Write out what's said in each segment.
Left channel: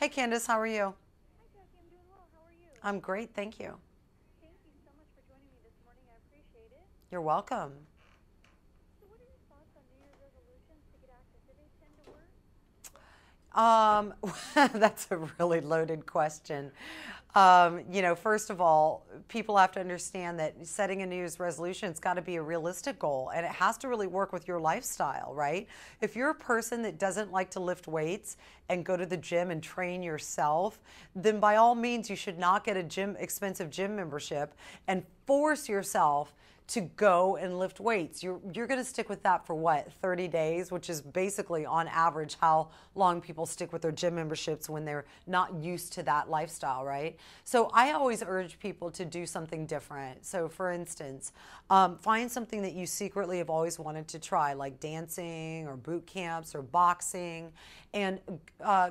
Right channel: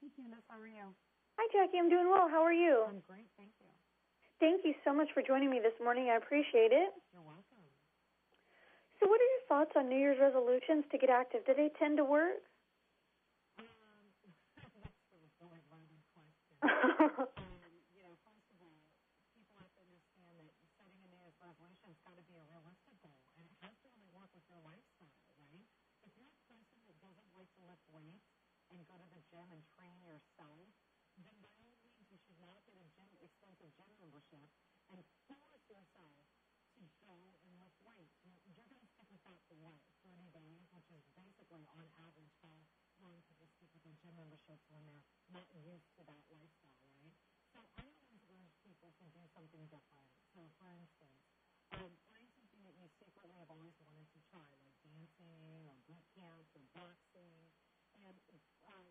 Hey Candace, how are you? Hi, Jackie. I'm doing well. How are you? I'm great, thank you. Thank you so much for joining me this morning. I appreciate it. You're welcome. So, what are your thoughts on New Year's resolutions to get active? Do they tend to work? Um, that's a really loaded question. First of all, people have to understand that setting a New Year's resolution, it's got to be a realistic goal and it has to really work with your lifestyle, right? If you're a person that doesn't like to lift weights and go to the gym and train yourself, then by all means, you should not get a expensive gym membership and force yourself to go and lift weights. You're going to stick with that for what, 30 days, which is basically on average how long people stick with their gym memberships when they're not used to that lifestyle, right? So I always urge people to do something different. So for instance, find something that you secretly have always wanted to try, like dancing or boot camps or boxing, and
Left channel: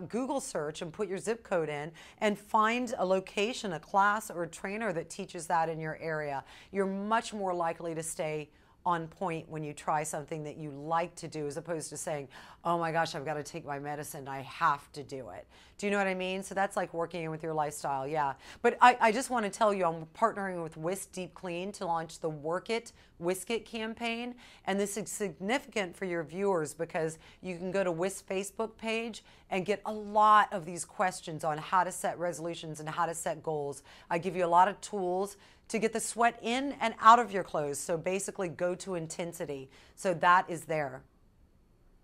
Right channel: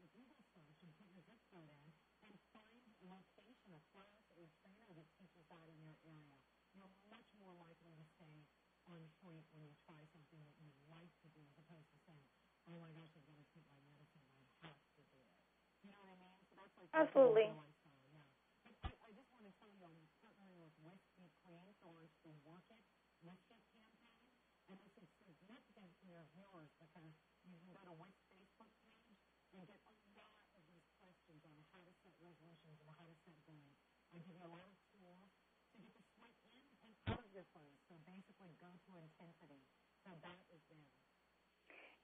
Google search and put your zip code in and find a location, a class, or a trainer that teaches that in your area. You're much more likely to stay on point when you try something that you like to do as opposed to saying, oh my gosh, I've got to take my medicine, I have to do it. Do you know what I mean? So that's like working with your lifestyle, yeah. But I just want to tell you, I'm partnering with Whisk Deep Clean to launch the Work It, WizzKid campaign. And this is significant for your viewers because you can go to Whisk Facebook page and get a lot of these questions on how to set resolutions and how to set goals. I give you a lot of tools to get the sweat in and out of your clothes. So basically go to intensity. So that is there.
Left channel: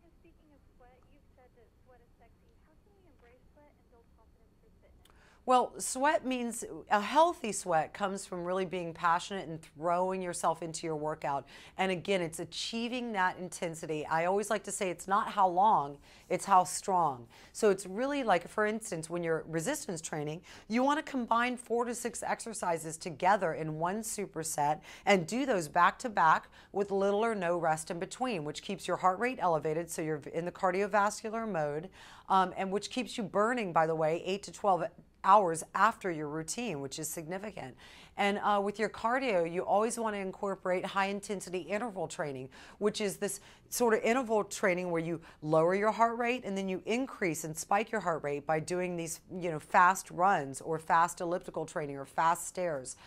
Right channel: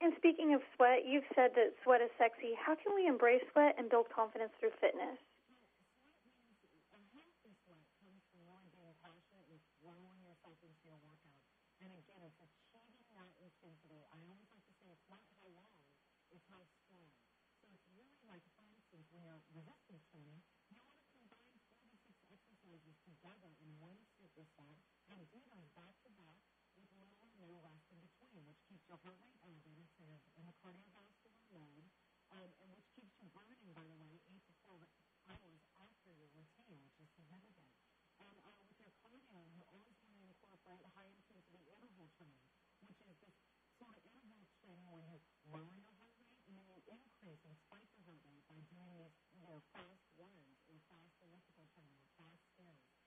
And speaking of sweat, you've said that sweat is sexy. How can we embrace sweat and build confidence through fitness? Well, sweat means a healthy sweat comes from really being passionate and throwing yourself into your workout. And again, it's achieving that intensity. I always like to say it's not how long, it's how strong. So it's really like, for instance, when you're resistance training, you want to combine 4 to 6 exercises together in one superset and do those back to back with little or no rest in between, which keeps your heart rate elevated so you're in the cardiovascular mode, and which keeps you burning, by the way, 8 to 12 hours after your routine, which is significant. And with your cardio, you always want to incorporate high intensity interval training, which is this sort of interval training where you lower your heart rate and then you increase and spike your heart rate by doing these, fast runs or fast elliptical training or fast stairs.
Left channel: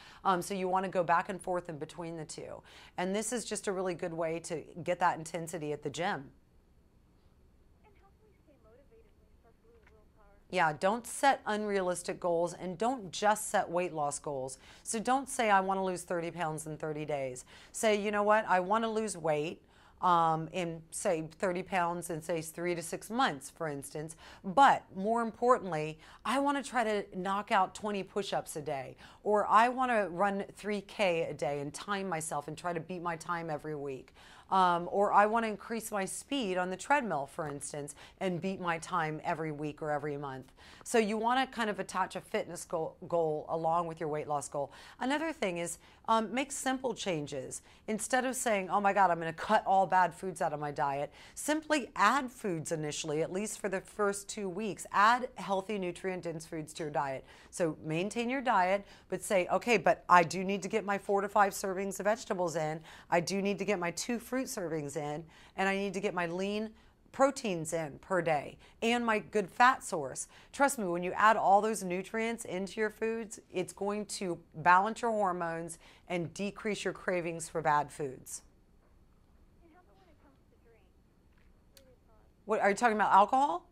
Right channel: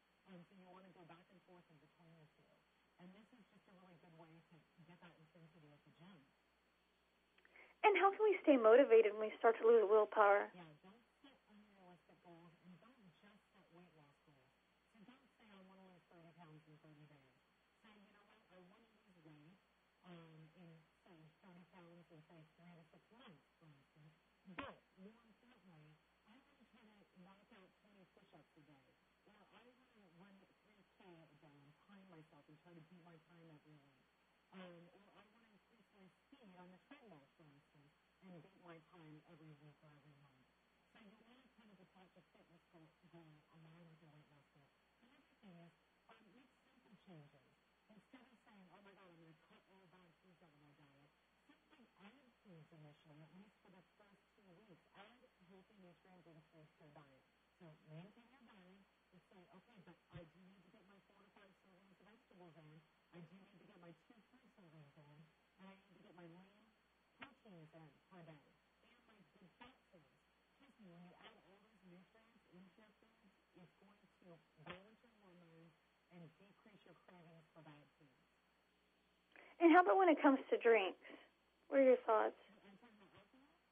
So you want to go back and forth in between the two. And this is just a really good way to get that intensity at the gym. And how can we stay motivated when we start to lose willpower? Yeah, don't set unrealistic goals and don't just set weight loss goals. So don't say, I want to lose 30 pounds in 30 days. Say, you know what, I want to lose weight in, say, 30 pounds in, say, 3 to 6 months, for instance. But more importantly, I want to try to knock out 20 push-ups a day. Or I want to run 3K a day and time myself and try to beat my time every week. Or I want to increase my speed on the treadmill, for instance, and beat my time every week or every month. So you want to kind of attach a fitness goal along with your weight loss goal. Another thing is make simple changes. Instead of saying, oh my God, I'm going to cut all bad foods out of my diet, simply add foods initially, at least for the first 2 weeks. Add healthy, nutrient-dense foods to your diet. So maintain your diet, but say, okay, but I do need to get my 4 to 5 servings of vegetables in. I do need to get my 2 fruit servings in, and I need to get my lean proteins in per day and my good fat source. Trust me, when you add all those nutrients into your foods, it's going to balance your hormones and decrease your cravings for bad foods. And how about when it comes to drinks? What are your thoughts? What, are you talking about alcohol?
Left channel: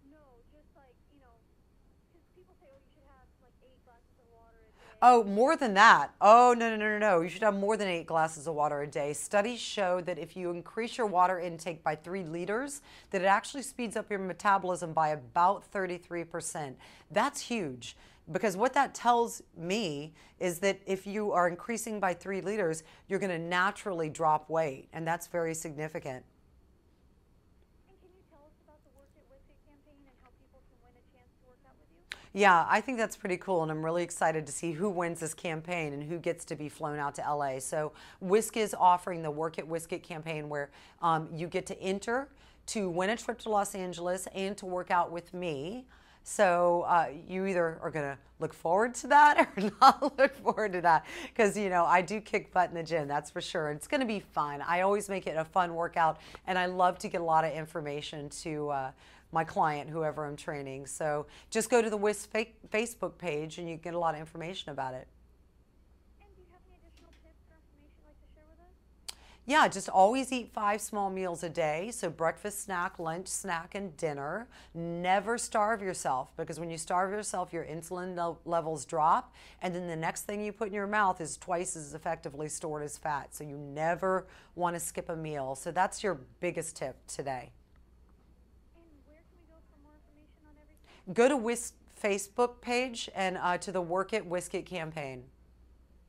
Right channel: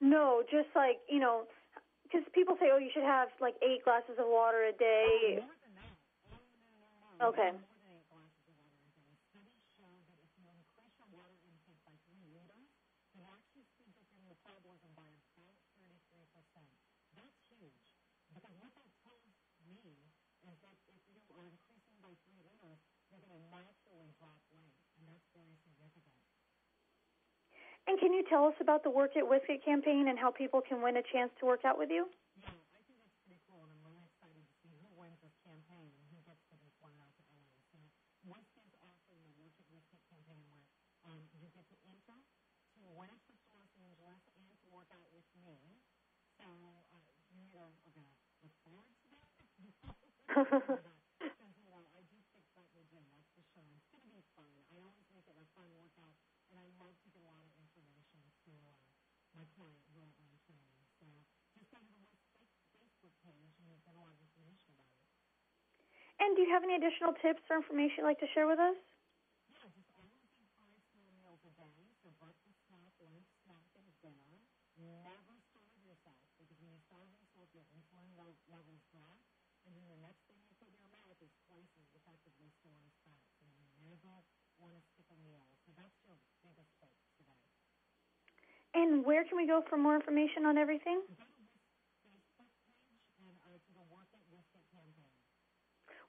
No, just like, because people say, oh, you should have like 8 glasses of water a day. Oh, more than that. Oh, no. You Okay. should have more than 8 glasses of water a day. Studies show that if you increase your water intake by 3 liters, that it actually speeds up your metabolism by about 33%. That's huge. Because what that tells me is that if you are increasing by 3 liters, you're going to naturally drop weight. And that's very significant. And can you tell us about the Work It WizzKid campaign and how people can win a chance to work out with you? Yeah, I think that's pretty cool, and I'm really excited to see who wins this campaign and who gets to be flown out to LA. So WizzKid is offering the Work It WizzKid campaign where you get to enter to win a trip to Los Angeles and to work out with me. So you either are going to look forward to that or not look forward to that because, I do kick butt in the gym, that's for sure. It's going to be fun. I always make it a fun workout, and I love to get a lot of information to my client, whoever I'm training. So just go to the WIS Facebook page and you get a lot of information about it. And do you have any additional tips or information you'd like to share with us? Yeah, just always eat 5 small meals a day. So breakfast, snack, lunch, snack, and dinner. Never starve yourself, because when you starve yourself, your insulin levels drop. And then the next thing you put in your mouth is twice as effectively stored as fat. So you never want to skip a meal. So that's your biggest tip today. And where can we go for more information on everything? Go to WIS Facebook page and to the Work It WizzKid campaign.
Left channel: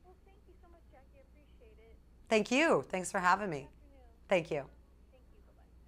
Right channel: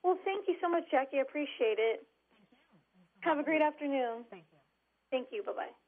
Well, thank you so much, Jackie. I appreciate it. Thank you. Thanks for having me. Have a great afternoon. Thank you. Thank you. Bye-bye.